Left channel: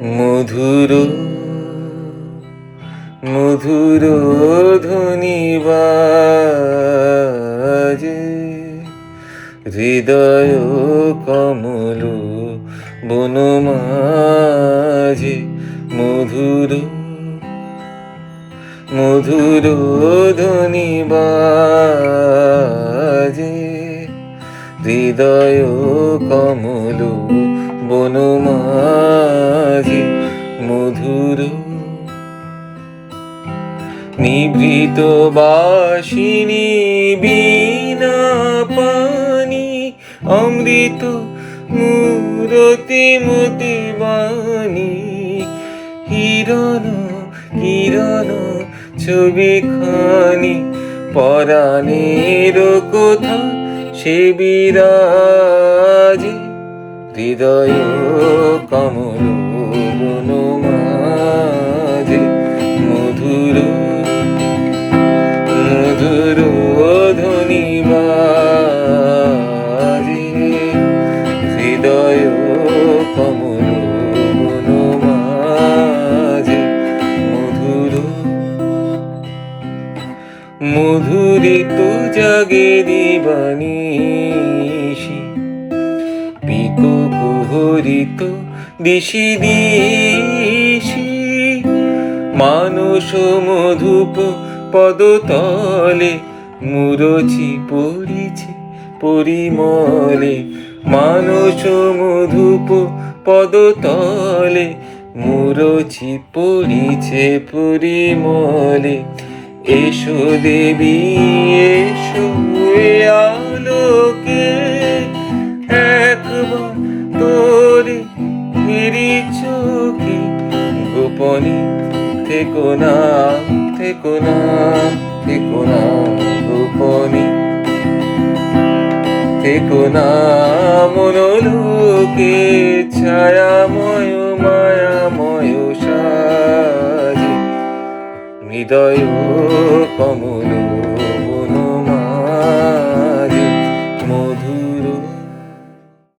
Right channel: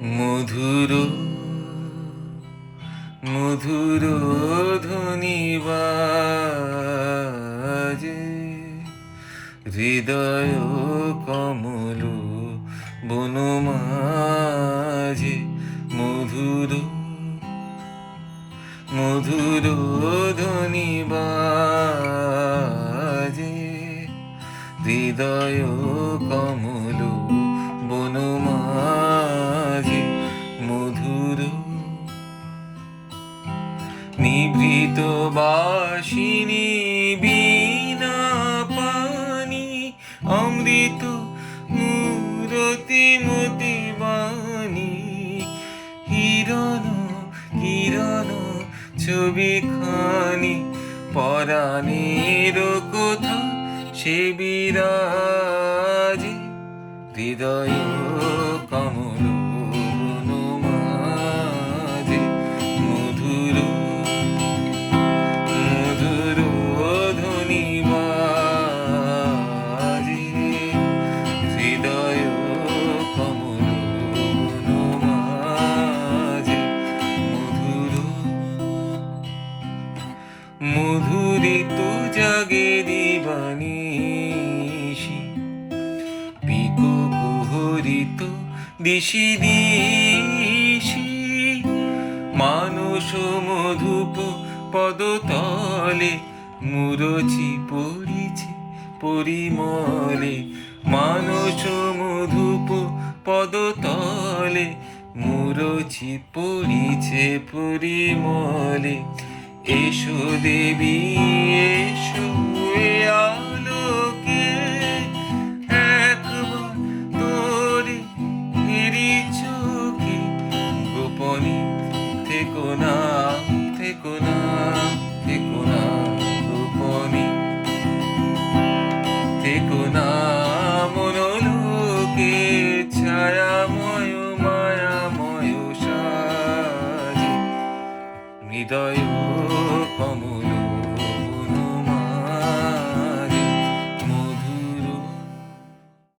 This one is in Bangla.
মধুর মধুর ধ্বনি বাজে, হৃদয় কমল বনমাঝে। মধুর মধুর ধ্বনি বাজে, হৃদয় কমল বনমাঝে। মধুর নিভৃত বাসিনী বীণা পানি, অমৃত মূরতি মতি বাণী। হিরণ কিরণ ছবিখানি, পরাণের কথা সে বিরাজে। হৃদয় কমল বনমাঝে। মধুর মধুর ধ্বনি বাজে, হৃদয় কমল বনমাঝে। মধুর মধুরিত জাগে দিবানিশি, পিকো কুহরিত দিশি দিশি। মানস মধুপ পদতলে, মুরছি পড়িছে পরিমলে। মানস মধুপ পদতলে, মুরছি পড়িছে পরিমলে। এসো দেবী এসো এ আলোকে, একবার তোরে ফিরি চোখে। গোপনে থেকো না থেকো না থেকো না, গোপনে থেকো না মনোলোকে। ছায়াময় মায়াময় সাজে, হৃদয় কমল